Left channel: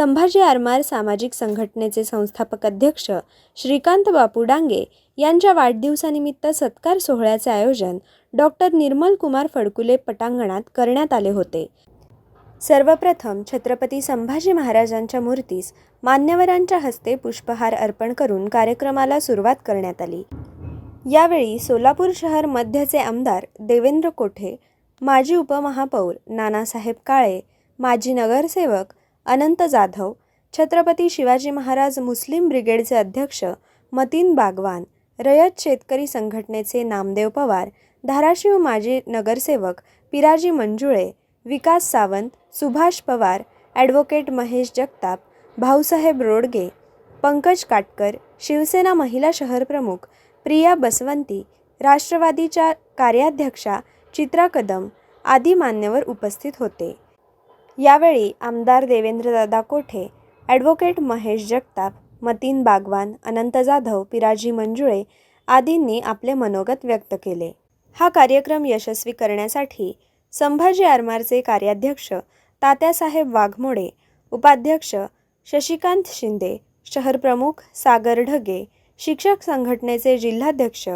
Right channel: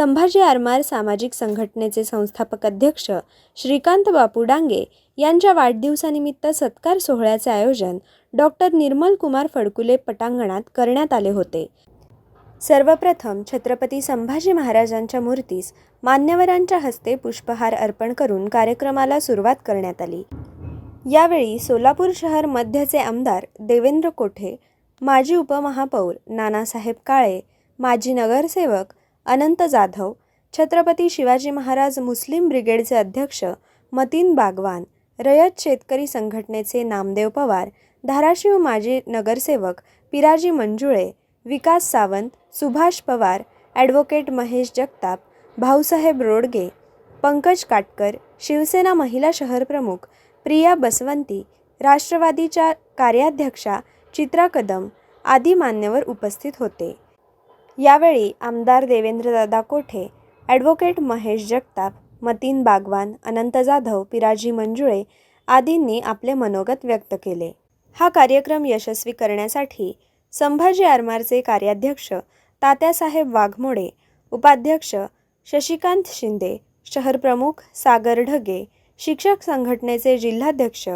संभाजी आरमार सामाजिक संघटनेचे संस्थापक अध्यक्ष श्रीकांत बापू डांगे यांच्या वाढदिवसानिमित्त सत्कार सोहळ्याचे आयोजन डॉक्टर निर्मल कुमार फडकुले पटांगणात करण्यात आले होते। सर्वप्रथम छत्रपती संभाजी महाराजांच्या मूर्तीस मान्यवरांच्या हस्ते पुष्पहार अर्पण करून कार्यक्रमाला सुरुवात करण्यात आली। यावेळी सोलापूर शहर मध्यचे आमदार देवेंद्र कोठे, माजी उपमहापौर नानासाहेब काळे, माजी नगरसेवक अनंत जाधव, छत्रपती शिवाजी महाराज मुस्लिम ब्रिगेडचे अध्यक्ष मतीन बागवान, रयत शेतकरी संघटनेचे नामदेव पवार, धाराशिव माजी नगरसेवक पिराजी मंजुळे, विकास सावंत, सुभाष पवार, ॲडव्होकेट महेश जगताप, भाऊसाहेब रोडगे, पंकज काटकर, शिवसेना महिला शहर प्रमुख प्रिया बसवंती, राष्ट्रवादीच्या कार्याध्यक्षा चित्रा कदम आदी मान्यवर उपस्थित होते। यावेळी आमदार देवेंद्रदादा कोठे, ॲडव्होकेट महेश जगताप, मतीन बागवान, अनंत जाधव, पिराजी मंजुळे आदींनी आपले मनोगत व्यक्त केले। हा कार्यक्रम यशस्वी करण्यासाठी संभाजी आरमारचे कार्याध्यक्ष तात्यासाहेब वाघमोडे, उपाध्यक्ष शशिकांत शिंदे, शहर प्रमुख सागर ढगे, शिक्षक संघटनेचे जिल्हाध्यक्ष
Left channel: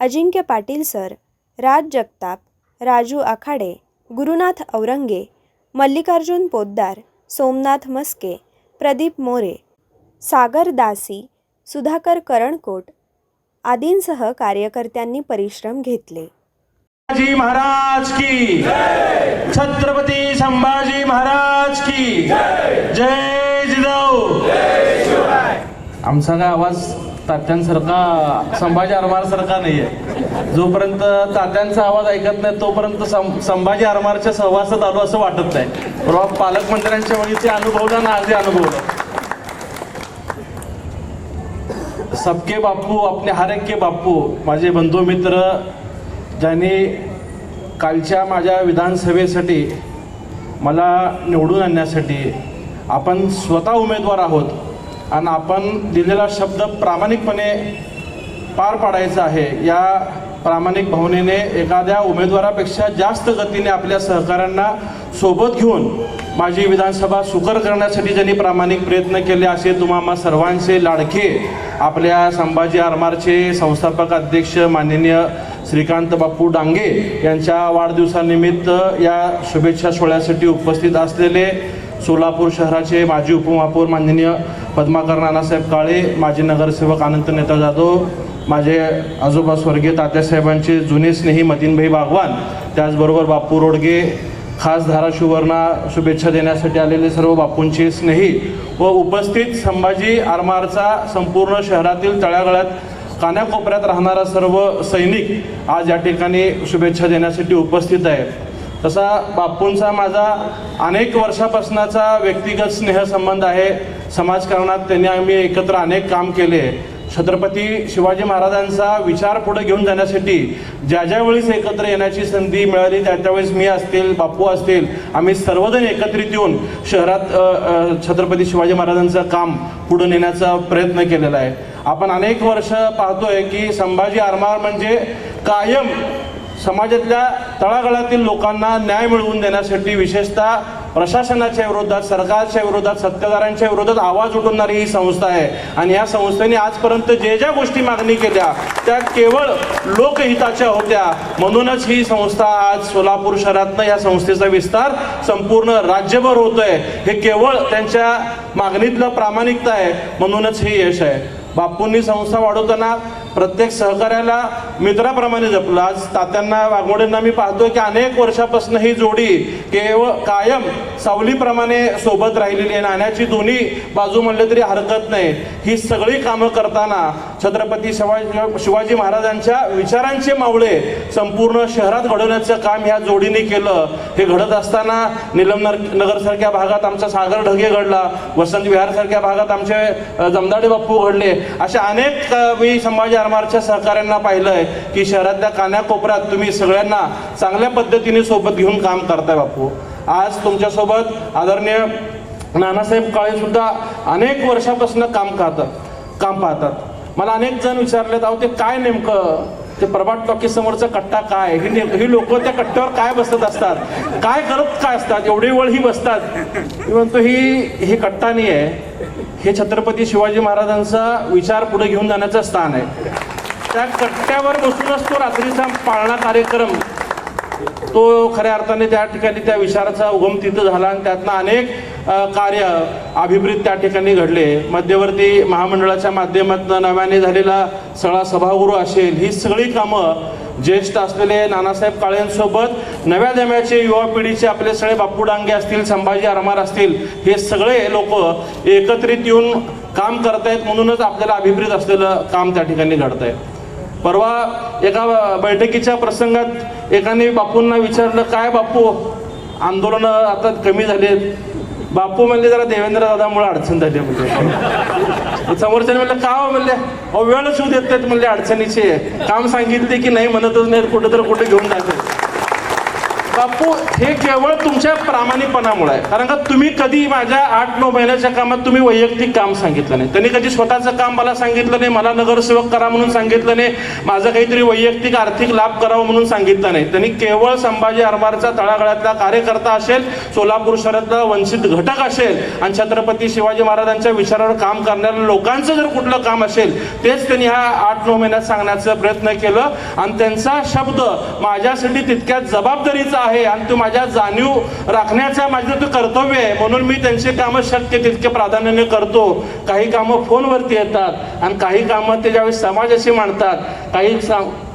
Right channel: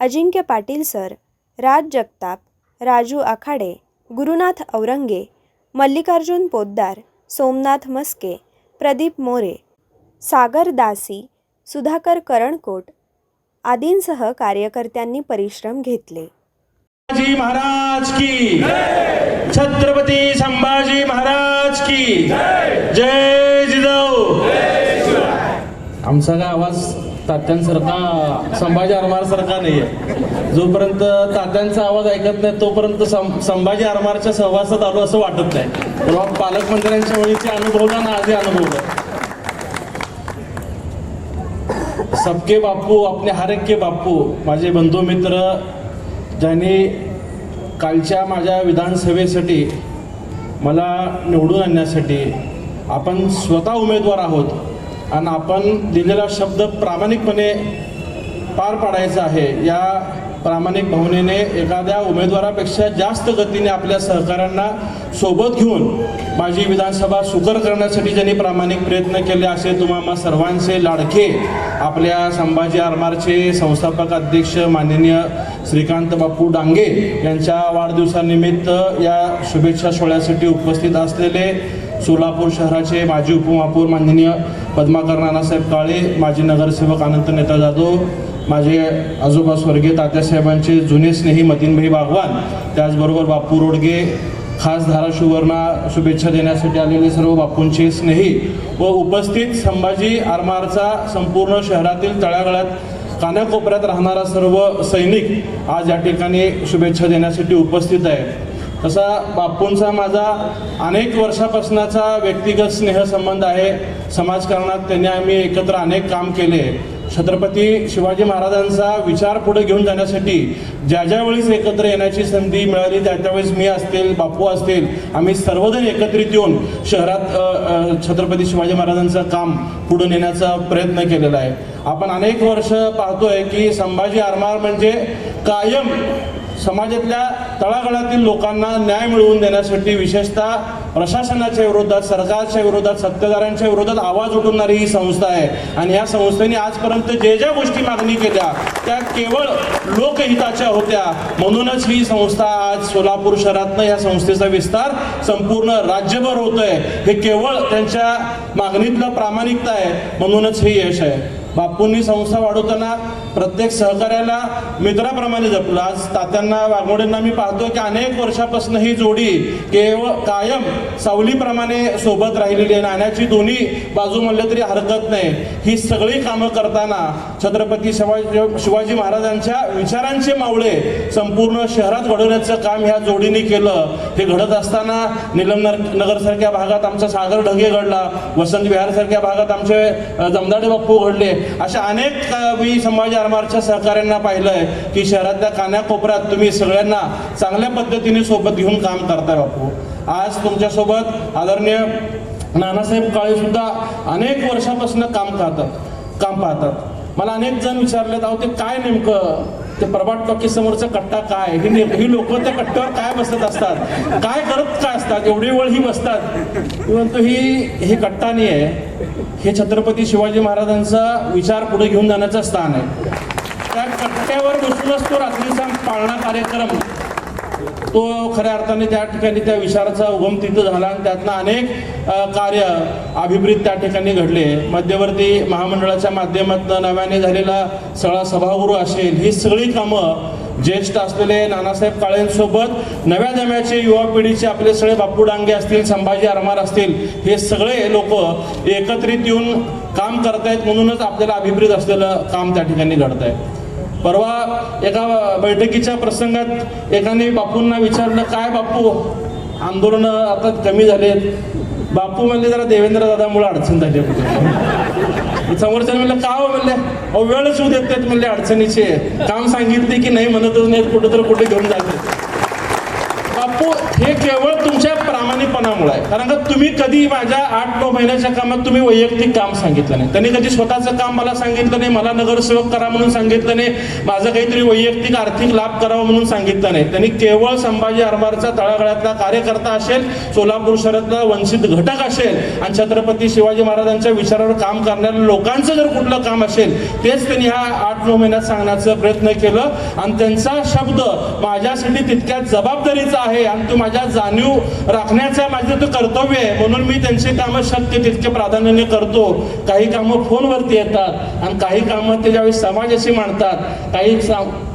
अजिंक्य पाटील सर, राज जगताप, राजू आखाडे, गुरुनाथ औरंगे, मल्लिकार्जुन पोद्दार, सोमनाथ मस्के, प्रदीप मोरे, सागर दासी, सुधाकर करणकोट आदींसह कार्यकर्त्यांनी परिश्रम घेतले। संभाजी महाराज की जय, छत्रपती संभाजी महाराज की जय, जय जिजाऊ, जय शिवराय। आमचा काय आवाज तात्यांसारखा संभाजी आरमार सारखा नाही आहे। जोपर्यंत तात्यांचा आवाज ऐकत नाही तोपर्यंत संभाजी आरमारच्या सहवासात आलो असं वाटत नाही। पण पालकमंत्र्यांच्या वेळी ते अनुभवलं ना, आधी अनुभवलं। सबके बापू अपने हर एक के बापू, माझे बंधू मित्र ज्यांनी कालच्या माझ्या विधानसभेसाठी मला निवडून आणण्यासाठी आपण स्वतः उमेदवार आहोत आणि आपण दिलेला शब्द प्रामाणिकपणे पार पाडायचा आहे, या प्रामाणिक भावनेने एखाद्या उमेदवारापेक्षा जास्त गतीने आपल्या सहकाऱ्यांना सोबत घेऊन माझी विधानसभा सुकर करण्यासाठी ज्यांनी प्रामाणिक प्रयत्न केले असे तुम्हा सर्वांचे लाडके आपल्या संभाजी आरमारचे संस्थापक अध्यक्ष माननीय श्रीकांत बापू डांगे यांच्या वाढदिवसानिमित्त या शुभेच्छा सोहळ्यासाठी उपस्थित असलेले सोलापूर शहराचे माजी उपमहापौर माननीय पद्माकर नानासाहेब काळे, माजी नगरसेवक अनंत नेता जाधव, माझे आजोबा स्वर्गीय तात्यासाहेबांचे जुने स्नेही मतीनभाई बागवान, त्याचबरोबर बापू रोडगे, खास धाराशिववरनं शुभेच्छा देण्यासाठी आलेले सर्व बापूंचे स्नेही व उपस्थित संभाजी आरमारचा संपूर्ण शहरातील तळागाळात कानाकोपऱ्यात राहणारा सर्व सैनिक आज या ठिकाणी शुभेच्छा देण्यासाठी उपस्थित आहेत। तसा बापूंचा माझा अनेक वर्षापासूनचा व्यक्तिगत स्नेहसंबंध आहे। समाजकारणात त्यांनी आम्ही एकत्र अनेक काम केले। छत्रपती शिवाजी महाराजांचा विचार पुढे घेऊन जाण्यासाठी ज्या ज्या वेळेस एकत्र येण्याची संधी मिळाली त्यावेळेस मी असतील, बापू असतील, आम्ही सर्वजण एकत्रित येऊन शहरात छत्रपती शिवाजी महाराजांचं काम पुढे नेण्याचा प्रयत्न केलेला आहे। आपण अनेक वर्ष पाहतोय की संभाजी आरमार म्हणजे कायम समाजातल्या तळागाळातील लोकांना न्याय मिळवून देण्यासाठी विशेषतः प्रशासनाच्या विरोधात, सरकारच्या विरोधात, सत्ताधाऱ्यांच्या विरोधात आवाज उठवणारी ही संस्था आहे। आणि या संस्थेने आजपर्यंत जे ज्या गोष्टी मागणी केल्या त्या केवळ लोकहिताच्या होत्या। म्हणूनच ही संस्था आज सोलापूर शहरातनं या संस्थेचा विस्तार संपूर्ण राज्यभर होतोय। हे केवळ त्यांच्या मागणीतलं प्रामाणिकता आहे, म्हणूनच हे यश आहे। बापूंनी संस्था वाढवताना प्रत्येक सहकार्याला मित्राप्रमाणे जपलं। आज तात्यांना वाघमोडेंना मी पाहतो की अनेक वर्षापासून ही जोडी केवळ कायम सावलीप्रमाणे सोबत राहिलेली आहे। नाण्याची दोन्ही बाजू म्हणले तरी हरकत नाही। ही सगळी कामं करताना छत्रपती शिवाजी महाराजांच्या विचारांचे मावळे संपूर्ण शहरात घडवण्याचं काम ह्या जोडीने केलं। हे घडत असताना निलम नगरसारख्या भागात आमचा सागर ढगे घडला, वसंत विहारसारख्या भागात आमचे जमदाडे बापू घडले। अशा अनेक मी संभाजी आरमारच्या सहकाऱ्यांना पाहिलंय की शहरातल्या कानाकोपऱ्यात तुम्ही सगळ्यांना चांगल्या पद्धतीने सोबत घेऊन काम करताय बापू। आज तुमच्यासोबत आदरणीय नानासाहेब काळे सुद्धा अनेक वर्षापासून काम पाहतात। मला अनेक जण विचारलेत, अहो ते काय नेमकं ते प्रभात टॉकीज समोरचा कट्टा काय, ही लोक त्या कट्ट्यावर काय बसत असतात, काय करत काय असतात, एवढी वेळ ही बसतात. मी म्हणतो ही कट्टा नाही आहे, हे छत्रपती शिवाजी महाराजांचा विचार पुढे घेऊन जाण्याचं स्थान आहे. त्या कट्ट्यावर बसूनच तो रात्रीचा पाळणा कार्यक्रम तो खऱ्या अर्थाने त्या ठिकाणी त्या विचाराचा उगम तिथं झाला आणि त्यातनं अनेक कार्य अभिप्रेत त्या ठिकाणी घडले. मध्यवर्ती महामंडळाच्या माध्यमातून नव्याने झालेला सगळा सभागृह असेल, ही सगळी कामं ज्येष्ठ असलेले नानासाहेब काळेंसोबत नव्या जम्याचे युवा पिढीचे आपले सगळे बापू डांगे असतील, संभाजी आरमार असतील, हे सगळे लोक एकत्रित येऊन काम करतायत म्हणूनच आपल्याला अभिप्रेत असलेलं काम त्या ठिकाणी घडत आहे. परवा एका बैठकीच्या प्रसंगात एकाने बापूंना विचारलं, काय बापू आंदोलन आता कमी झालेत? बापू म्हणले जरा देवेंद्र दादामुळे अडचण झाली कुठे. समोरच्याने म्हणलं का हो? म्हणले अहो वेळच होऊ देत नाहीत म्हणले, अडचणीचे काम सांगितले की नाही म्हणतच नाहीत, कुठं तर कुठे घेऊन जाते. बापू हे केवळ तुमच्या प्रामाणिकपणामुळे आहे. कारण का तुम्ही कधी माझ्या 8-9 महिन्याच्या कामात तुम्ही वैयक्तिक काम सांगितलं नाही, त्यांनी कधी स्वतःचं काम मला सांगितलं नाही, मला नगरसेवक करा म्हणून सांगितलं नाही, माझं काहीतरी वैयक्तिक आर्थिक लाभ करावा म्हणून सांगितलं नाही. त्यांनी केवळ संभाजी आरमारचा तळागाळातला कार्यकर्ता असेल, सोलापूर शहरातला वंचित घटक असेल आणि छत्रपती शिवाजी महाराजांच्या विचारावर काम करणाऱ्या लोकांचं जर कुठलं काम असेल तेच त्यांनी ह्या 8-9 महिन्यात सांगण्याचा प्रयत्न केलं. आणि त्यांचा शब्द माझ्यासाठी तितक्याच जबाबदारीचा आहे आणि तो माझ्या जाणीव राखण्याचा माझं तो कर्तव्य आहे. म्हणून मी त्यांचे कामं शक्य तितके प्राधान्याने करतो. काही कामं फोनवरती येतात आणि काही कामं ते ज्यावेळेस समाजाशी मांडतात, काही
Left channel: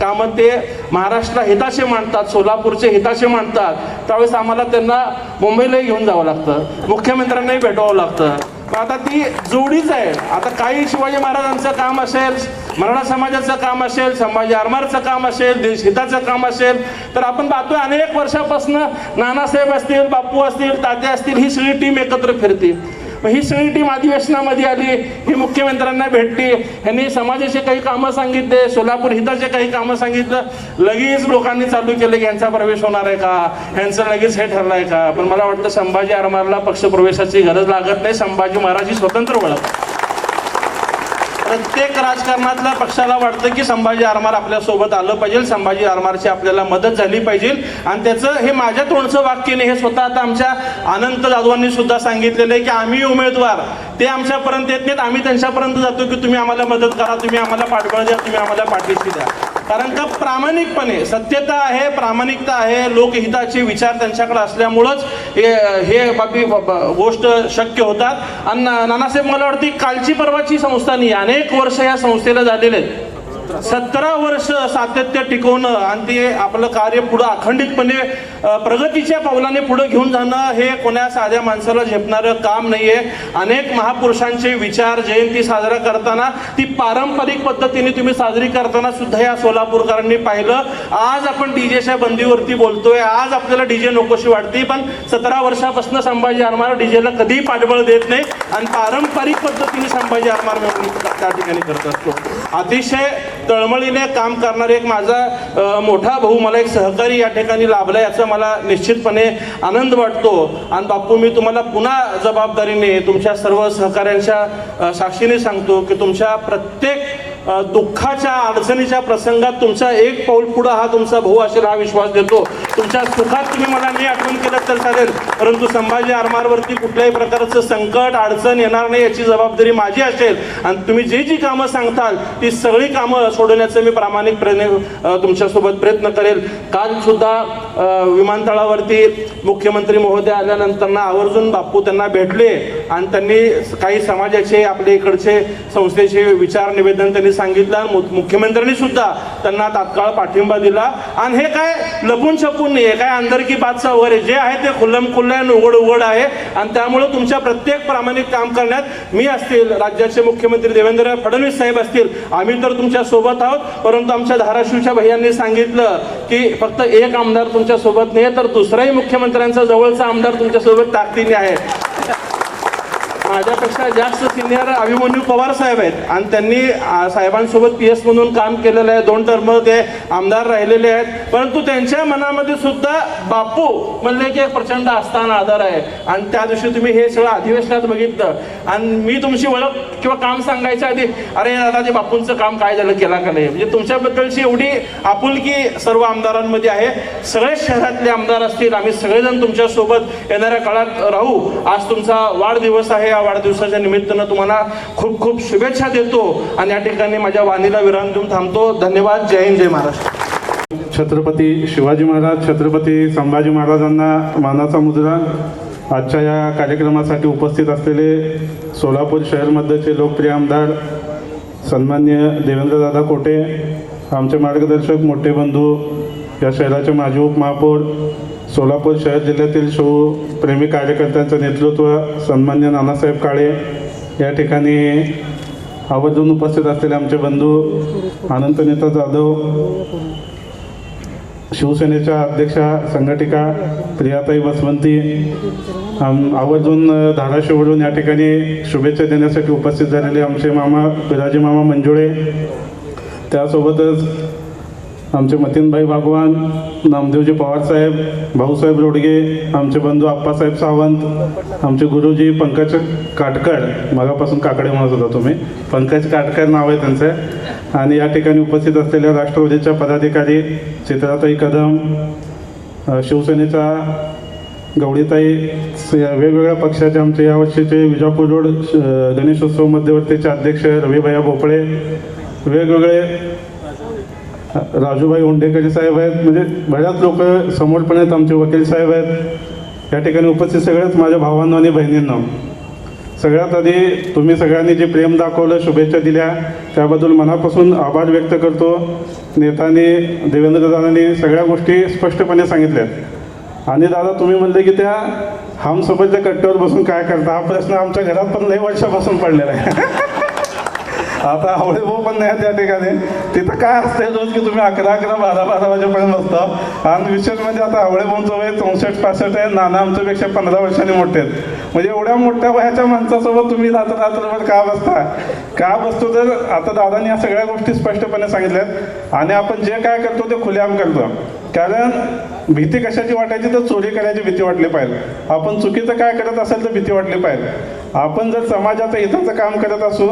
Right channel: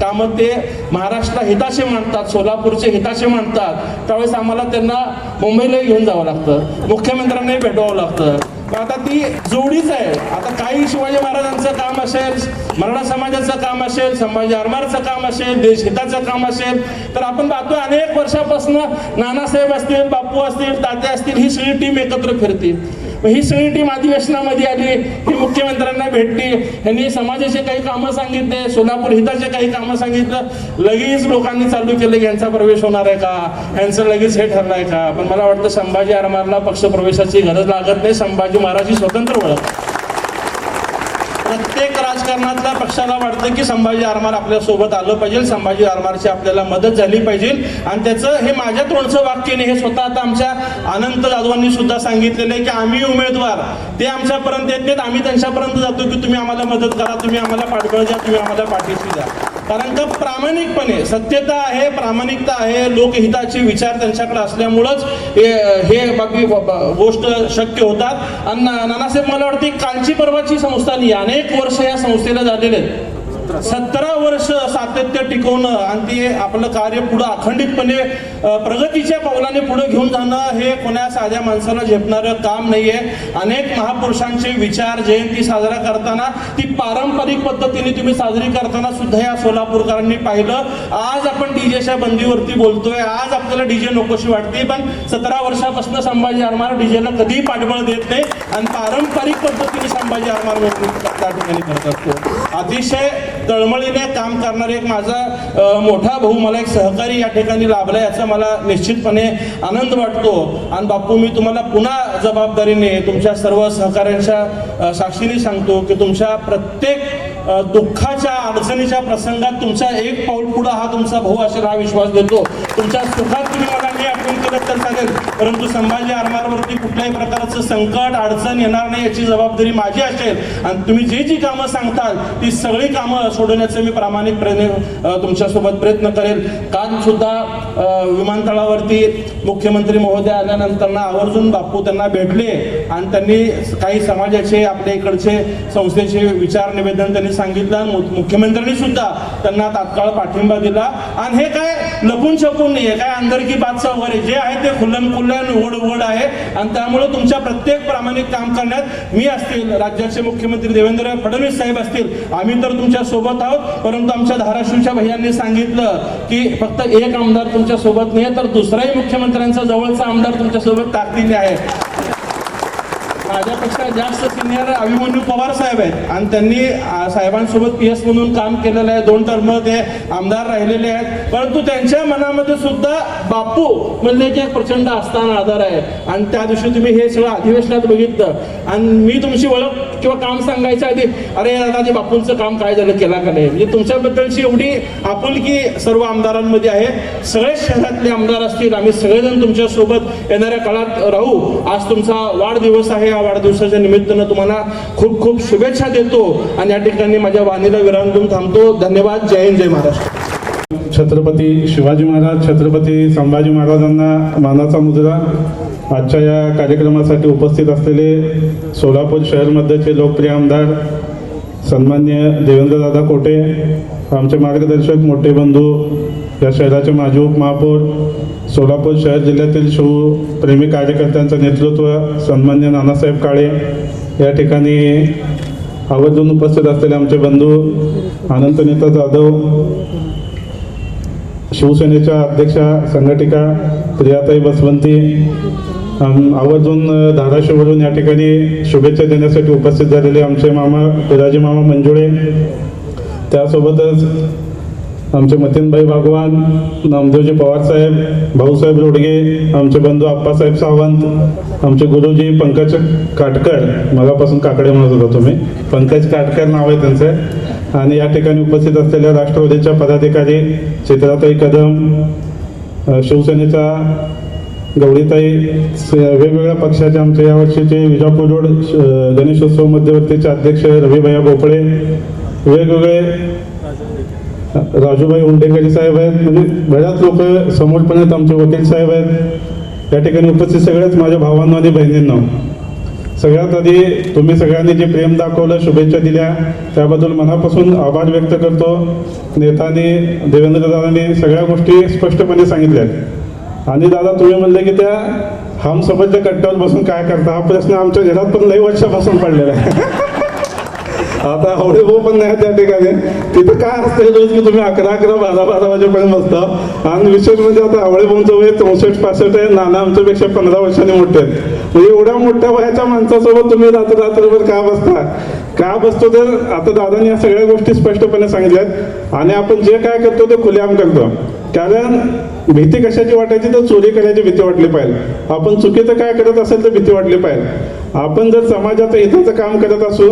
कामं ते महाराष्ट्र हिताचे मांडतात, सोलापूरचे हिताचे मांडतात, त्यावेळेस आम्हाला त्यांना मुंबईलाही घेऊन जावं लागतं, मुख्यमंत्र्यांनाही भेटवावं लागतं. आता ती जोडीच आहे. आता काही शिवाजी महाराजांचं काम असेल, मराठा समाजाचं काम असेल, संभाजी आरमारचं काम असेल, देशहिताचं काम असेल, तर आपण पाहतोय अनेक वर्षापासून नानासाहेब असतील, बापू असतील, तात्या असतील, ही सगळी टीम एकत्र फिरते. ही सगळी टीम अधिवेशनामध्ये आली, ही मुख्यमंत्र्यांना भेटली, ह्यांनी समाजाचे काही कामं सांगितले, सोलापूर हिताचे काही कामं सांगितलं, लगेच लोकांनी चालू केलं की यांचा प्रवेश होणार आहे का, ह्यांचं लगेच हे ठरलं आहे का. पण मला वाटतं संभाजी आरमारला पक्षप्रवेशाची गरज लागत नाही. संभाजी महाराज ही स्वतंत्र ओळख. प्रत्येक राजकारणातल्या पक्षाला वाटतं की संभाजी आरमार आपल्यासोबत आलं पाहिजे, संभाजी आरमारची आपल्याला मदत झाली पाहिजे. आणि त्याचं हे माझ्या तोंडचं वाक्य नाही, हे स्वतः आता आमच्या अनंत जाधवांनी सुद्धा सांगितलेलं आहे की आम्ही उमेदवार ते आमच्यापर्यंत येत नाहीत, आम्ही त्यांच्यापर्यंत जातो की तुम्ही आम्हाला मदत करा, तुम्ही आम्हाला पाठबळ द्या, तुम्ही आम्हाला पाठीशी द्या. कारण का प्रामाणिकपणे सत्यता आहे, प्रामाणिकता आहे, लोकहिताचे विचार त्यांच्याकडे असल्यामुळंच हे बाकी गोष्ट शक्य होतात. आणि नानासाहेब मला वाटते कालची परवाची संस्था नाही, अनेक वर्ष या संस्थेला झालेले आहेत. 17 वर्ष सातत्य टिकवणं आणि ते आपलं कार्य पुढं अखंडितपणे प्रगतीच्या पावलाने पुढे घेऊन जाणं हे कोणा साध्या माणसाला झेपणारं काम नाहीये. अनेक महापुरुषांचे विचार जयंती साजरा करताना ती पारंपरिक पद्धतीने तुम्ही साजरी करताना सुद्धा या सोलापूरकरांनी पाहिलं. आज आपण डीजेच्या बंदीवरती बोलतोय, आज आपल्याला डीजे नकोशी वाटते, पण 17 वर्षापासून संभाजी आरमार डीजेला कधीही पाठबळ देत नाही आणि पारंपरिक पद्धतीने संभाजी आरमार त्या ठिकाणी करत असतो. अतिशय तळमळीने काम करणारे एक माझा मोठा भाऊ, मला एक सहकारी या ठिकाणी लाभला, याचा मला निश्चितपणे आनंद वाटतो. आणि बापू मी तुम्हाला पुन्हा जबाबदारीने तुमच्या सर्व सहकाऱ्यांच्या साक्षीने सांगतो की तुमच्या प्रत्येक दुःखाच्या अडचणीच्या प्रसंगात तुमचा एक पाऊल पुढं हा तुमचा भाऊ असेल हा विश्वास देतो. तुमच्या सुखात तुम्ही मला नाही आठवण केलं तर चालेल, परंतु संभाजी आरमारवरती कुठल्याही प्रकारचं संकट अडचण येणार नाही याची जबाबदारी माझी असेल. आणि तुम्ही जी कामं सांगताल ती सगळी कामं सोडवण्याचं मी प्रामाणिकपणे तुमच्यासोबत प्रयत्न करेल. काल सुद्धा विमानतळावरती मुख्यमंत्री महोदय आल्यानंतर आवर्जून बापू त्यांना भेटले आणि त्यांनी काही समाजाचे आपल्या इकडचे संस्थेचे विचार निवेदन त्यांनी सांगितलं. मुख्यमंत्र्यांनी सुद्धा त्यांना तात्काळ पाठिंबा दिला. आणि हे काय लपून छपून नाही, काय अंदर की बातचा वगैरे जे आहे ते खुल्लम खुल्ल्या उघड आहे. आणि त्यामुळे तुमच्या प्रत्येक प्रामाणिक काम करण्यात मी असतील, राज्याचे मुख्यमंत्री देवेंद्र फडणवीस साहेब असतील, आम्ही तर तुमच्या सोबत आहोत. परंतु आमच्या धाराशिवच्या भैयांनी सांगितलं की फक्त एक आमदार तुमच्या सोबत नाही तर दुसराही मुख्यमंत्र्यांचा जवळचा आमदार तुमच्या सोबत ताकदीने आहे. माझ्यापेक्षा जास्त सिनियर अभिमन्यू पवार साहेब आहेत आणि त्यांनी साहेबांसोबत PS म्हणून काम केलेलं आहे. 2 टर्म ते आमदार राहिलेले आहेत. परंतु त्यांच्या मनामध्ये सुद्धा बापू म्हणले की एक प्रचंड आस्थान आदर आहे. आणि त्या दिवशी तुम्ही हे सगळं अधिवेशनात बघितलं आणि मी तुमची ओळख किंवा काम सांगायच्या आधी अरे दादा ते बापूंचं काम काय झालं केला का नाही, म्हणजे तुमच्याबद्दलची एवढी आपुलकी सर्व आमदारांमध्ये आहे. सगळे शहरातले आमदार असतील, आम्ही सगळेजण तुमच्यासोबत येणाऱ्या काळात राहू. आज तुमचा वाढदिवस आहे. या वाढदिवसाच्या निमित्तानं तुम्हाला खूप खूप शुभेच्छा देतो आणि या ठिकाणी माझ्या वाणीला विराम देऊन थांबतो. धन्यवाद. जय हिंद, जय महाराष्ट्र. छत्रपती शिवाजी महाराज, छत्रपती संभाजी महाराजांना मानाचा मुजरा. आजच्या या कार्यक्रमासाठी उपस्थित असलेले सोलापूर शहरमध्येचे लोकप्रिय आमदार सन्माननीय देवेंद्रदादा कोटे, आमचे मार्गदर्शक मोठे बंधू, या शहराचे माजी उपमहापौर, सोलापूर शहर जिल्ह्यातील शिवप्रेमी कार्यकर्त्यांचं नेतृत्व सन्माननीय नानासाहेब काळे, या ठिकाणी आवर्जून उपस्थित असलेले आमचे बंधू अनंतनेता जाधव, शिवसेनेच्या अध्यक्षा संघटिका प्रियाताई बसवंती, आवर्जून धाराशिववरून या ठिकाणी शुभेच्छा देण्यासाठी उपस्थित झालेले आमचे मामा विराजी मामा मंजुळे, त्यासोबतच आमचे मतीनभाई भागवान, नामदेवजी पवारसाहेब, भाऊसाहेब रोडगे, आमचे बंधू आप्पासाहेब सावंत, आमचे गुरुजी पंकज काटकर, मगापासून काकडे म्हणत होता तुम्ही, पंकज काटकर नाव आहे त्यांचं. आणि या ठिकाणी उपस्थित असलेल्या राष्ट्रवादीच्या पदाधिकारी चित्राताई कदम, शिवसेनेचा गवळीताई, वेगवेगळ्या पक्षाचे आमचे यावर्षीचे विजापूर रोड गणेशोत्सव मध्यवर्तीचे अध्यक्ष रविभैया भोपळे, वेगवेगळे राजूभाई उंडेकरी साहेब आहेत, म्हणजे बऱ्याच लोक समोर पण आहेत, आमचे वकील साहेब आहेत. या ठिकाणी उपस्थित सगळ्याच माझ्या भावांनो आणि बहिणींनो, सगळ्यात आधी तुम्ही सगळ्यांनी जे प्रेम दाखवलं, शुभेच्छा दिल्या, त्याबद्दल मनापासून आभार व्यक्त करतो. नेत्यांनी, देवेंद्रदादांनी सगळ्या गोष्टी स्पष्टपणे सांगितल्यात. आणि दादा तुम्ही म्हणले की त्या हमसफरच्या कट्ट्यावर बसून काय करता, हा प्रश्न आमच्या घरात पण लई वर्षापासून पडलेला आहे. आता आवडे भाऊ पण नाही त्या ठिकाणी, तिथं काय असतंय रोज की तुम्ही 11-11, 12-12 वाजेपर्यंत बसता. आणि विशेष म्हणजे आता आवडे भाऊंचं वय 64-65 आहे, नाना आमच्यापेक्षा 15 वर्षांनी मोठे आहेत. म्हणजे एवढ्या मोठ्या वयाच्या माणसासोबत तुम्ही रात्रभर का बसता, का बसतो? तर आता दादांनी या सगळ्या गोष्टी स्पष्टपणे सांगितल्यात. आणि आपण जे काय करतो ते खुलेआम करतो. कारण भीती कशाची वाटायची, तर चोरी करायची भीती वाटली पाहिजे. आपण चुकीचं काय करत असेल तर भीती वाटली पाहिजे. आपण जर समाजाचं हिताचं काम करत असू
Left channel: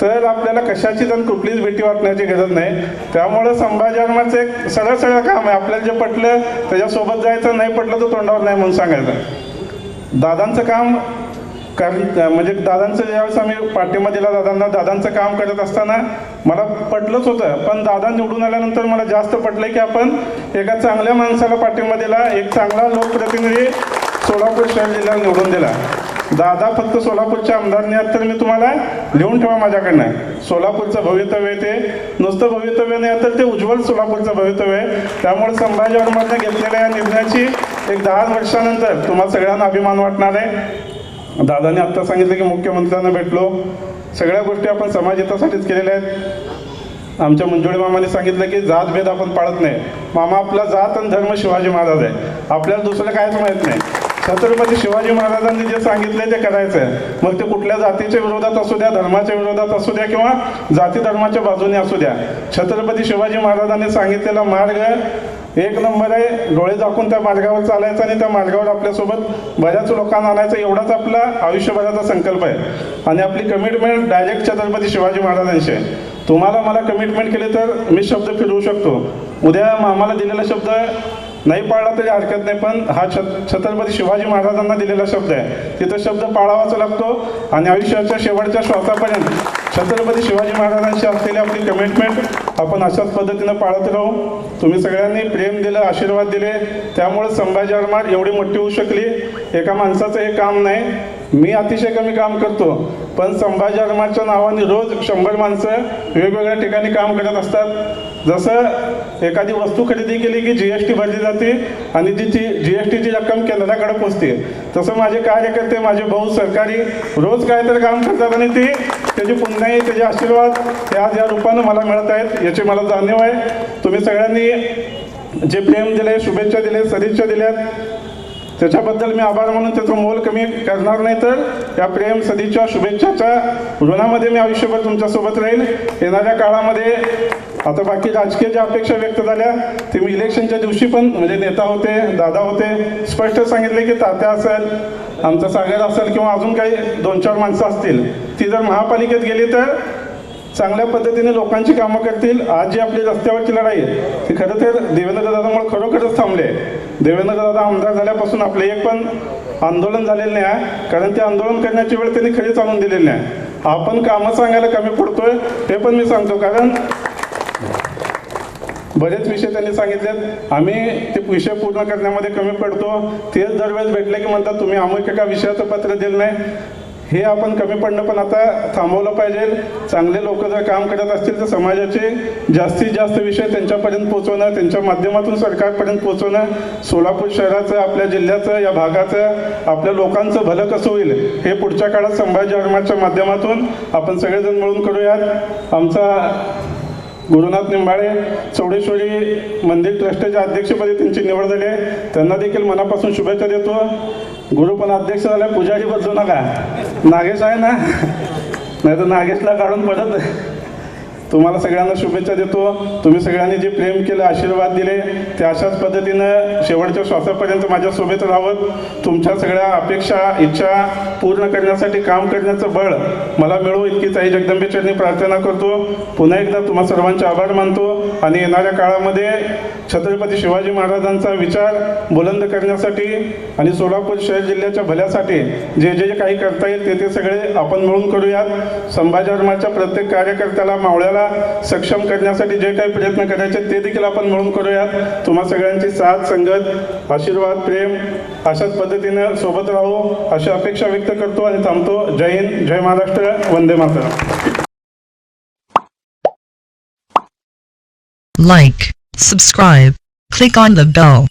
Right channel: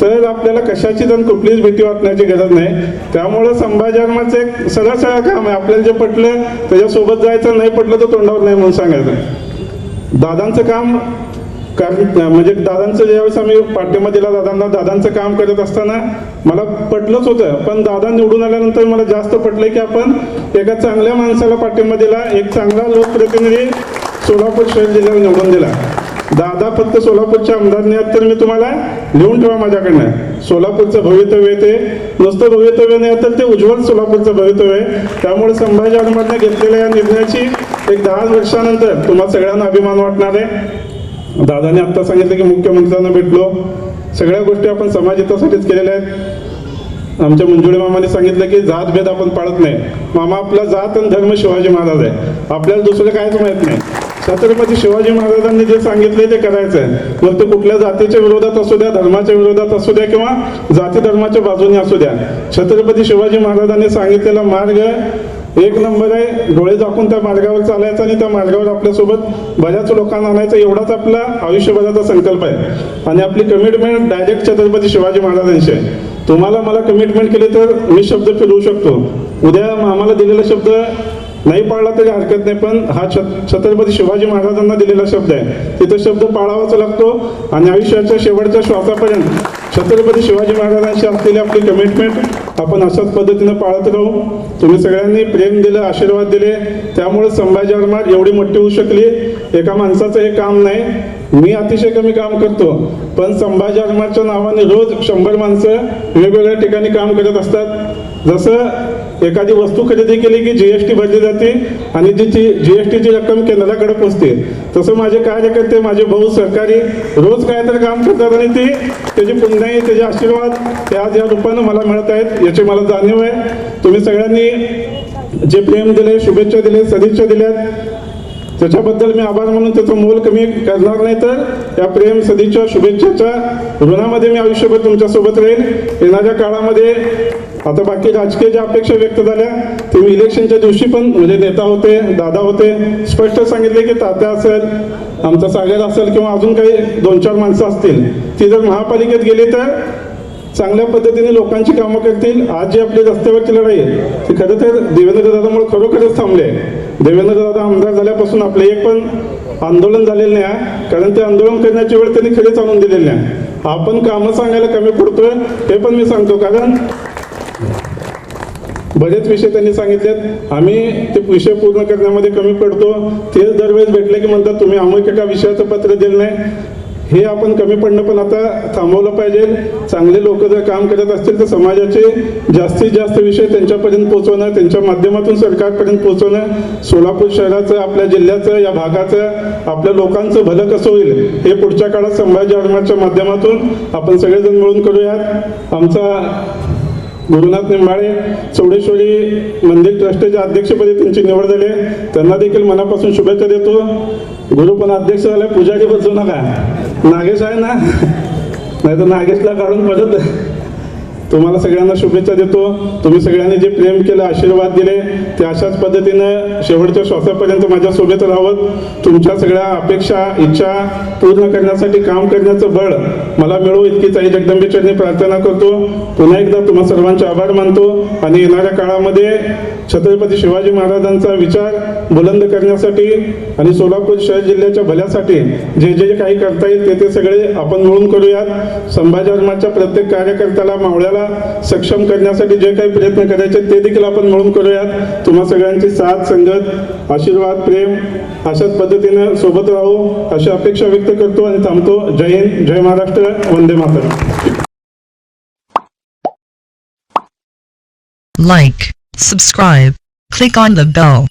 तर आपल्याला कशाची तर कुठलीच भीती वाटण्याची गरज नाही. त्यामुळं संभाजी महाराजांचं एक सरळ काम आहे. आपल्याला जे पटलं त्याच्यासोबत जायचं, नाही पटलं तर तोंडावर नाही म्हणून सांगायचं. दादांचं काम म्हणजे दादांचं ज्यावेळेस आम्ही पाठिंबा दिला दादांचं काम करत असताना मला पटलंच होतं. पण दादा निवडून आल्यानंतर मला जास्त पटलं की आपण एका चांगल्या माणसाला पाठिंबा दिला, एक चांगला लोकप्रतिनिधी सोलापूर शहर जिल्ह्याला निवडून दिला. दादा फक्त सोलापूरचे आमदार नाही तर मी तुम्हाला लिहून ठेवा माझ्याकडनं, सोलापूरचं भवितव्य ते नुसतं भवितव्य नाही तर ते उज्ज्वल सोलापूरचं भवितव्य आहे. त्यामुळे संभाजी महाराजांनी घेतलेल्या या निर्णयाची एक 10 वर्षानंतर तुम्हाला सगळ्यांना अभिमान वाटणार आहे. दादाने आत्ता सांगितलं की मुख्यमंत्र्यांना भेटलो, सगळ्या गोष्टी आपण समाजहितासाठीच केलेल्या आहेत. आमच्या मंजुळे मामाने सांगितलं की जातभेद आपण पाळत नाही. मामा आपला जात आणि धर्म शिवाजी महाराज आहे, आपल्याला दुसरं काहीच माहीत नाही. छत्रपती शिवाजी महाराजांनी जे सांगितले ते करायचं आहे. मग ते कुठल्या जातीच्या विरोधात असू द्या, धर्माच्या विरोधात असू द्या किंवा जाती धर्माच्या बाजूने असू द्या, छत्रपती शिवाजी महाराजांनी सांगितलेला मार्ग एक नंबर आहे. डोळे झाकून त्या मार्गावर चालायचं आणि त्या मार्गावर आपल्यासोबत बऱ्याच लोकांना आणायचं, एवढाच आपला आयुष्यभराचा संकल्प आहे. आणि आपली कमिटमेंट डायरेक्ट छत्रपती शिवाजी महाराजांशी आहे. तुम्हाला मला कमिटमेंट केली तर मी शब्द फिरवू शकतो. उद्या आम्हाला दिलेला शब्द नाही पाळला तरी हरकत नाही, पण हा छत्रपती शिवाजी महाराजांना दिलेला शब्द आहे, तिथं शब्द पाळावाच लागतो. आणि आयुष्याच्या शेवटच्या श्वासापर्यंत छत्रपती शिवाजी महाराजांशी असलेली आपली कमिटमेंट आपण अशाच पद्धतीनं पाळत राहू. तुम्ही सगळ्यांनी प्रेम दिलं, आशीर्वाद दिले, त्यामुळे संभाजी महाराज एवढी मोठी होऊ शकली. एका माणसाचं हे काम नाही. मी अतिशय कमी काम करतो, पण संभाजी महाराजांच्या नावाने रोज 100 माणसं वेगवेगळ्या ठिकाणी काम करत असतात. जसं एखादी वस्तू खरेदी केली की GST भरली जाते आणि जी GSTची रक्कम केंद्राकडे पोचते, तसं माझे कार्यकर्ते, माझे भाऊ सरकारी रोज काय तर काम करतात आणि त्याची पुण्याई, त्याचे आशीर्वाद ते आज या रूपानं मला मिळत आहेत, याची मला जाणीव आहे. तुम्ही सगळ्यांनी जे प्रेम दिले, शुभेच्छा दिले, सदिच्छा दिल्यात, त्याच्याबद्दल मी आभार मानून त्याचं मोल कमी करणार नाही, तर या प्रेम सदिच्छा शुभेच्छाच्या ऋणामध्ये मी आयुष्यभर तुमच्यासोबत राहील. येणाऱ्या काळामध्ये आता बाकी राजकीय ज्या अपेक्षा व्यक्त झाल्या ते मी इलेक्शनच्या दिवशी पण म्हणजे नेता होते, दादा होते, स्पष्ट सांगितले की तात्या असेल, आमचा सागर असेल किंवा अजून काही 2-4 माणसं असतील, ती जर महापालिकेत गेली तर चांगल्या पद्धतीने लोकांची कामं करतील. आज जी आपली रस्त्यावरची लढाई आहे ती खरं तर देवेंद्र दादामुळे खरोखरच थांबले आहे. देवेंद्र दादा आमदार झाल्यापासून आपलं एक पण आंदोलन झालेलं नाही आहे, कारण ते आंदोलन करण्याची वेळ त्यांनी खरी चालून दिलेली नाही. आपण कामं सांगायला कमी पडतोय हे पण मी सांगतो, कारण बरेच विषय त्यांनी सांगितलेत, आम्ही ते विषय पूर्ण करण्यामध्ये कमी पडतो. तेच दरवेळेस भेटले की म्हणतात तुम्ही अमुक एका विषयाचं पत्र दिलं नाही. हे आपण कमी पडणं पण आता थांबवलं पाहिजे. चांगले लोक जर काम करत असतील तर समाजाचे जास्तीत जास्त विषय त्यांच्यापर्यंत पोहोचवणं, त्यांच्या माध्यमातून सरकारपर्यंत पोहोचवणं, सोलापूर शहराचं, आपल्या जिल्ह्याचं, या भागाचं, आपल्या लोकांचं भलं कसं होईल हे पुढच्या काळात संभाजी आरमारच्या माध्यमातून आपण सगळेजण मिळून करूयात. आमचा गुरुनाथ निंबाळे चौडेश्वरी मंदिर ट्रस्टच्या अध्यक्षपदी त्यांची निवड झाली आहे, त्यांना देखील मनापासून शुभेच्छा देतो. गुरु पण अध्यक्ष झाला, पुजारी बदलू नका. नागेश आहे ना, नाही तर नागेशला काढून परत तुम्हाला सगळ्यांना शुभेच्छा देतो. तुम्ही सगळ्यांनी जे प्रेम केलं, आशीर्वाद दिले, ते अशाच पद्धतीनं शेवटच्या श्वासापर्यंत माझ्यासोबत राहावं. तुमच्या सगळ्या अपेक्षा, इच्छा पूर्ण करण्यासाठी काम करण्याचं बळ मला मिळो इतकीच आई जगदंबेचरणी प्रार्थना करतो. पुन्हा एकदा तुम्हा सर्वांचे आभार मानतो आणि येणाऱ्या काळामध्ये छत्रपती शिवाजी महाराजांचा विचार बुलंद करण्यासाठी आणि सोलापूर शहर जिल्ह्याच्या भल्यासाठी जे जे काही करता येईल ते सगळे आपण मिळून करूयात. संभाजी आरमारच्या प्रत्येक कार्यकर्त्याला, मावळ्याला सक्षम करण्यासाठी जे काही प्रयत्न करायचे ते देखील आपण मिळून करूयात. तुम्हा सगळ्यांची साथ, संगत, आशीर्वाद, प्रेम अशाच पद्धतीने सोबत राहू अशी अपेक्षा व्यक्त करतो आणि थांबतो. जय हिंद, जय Maharashtra, Vande Mataram. Like, subscribe, click on the bell.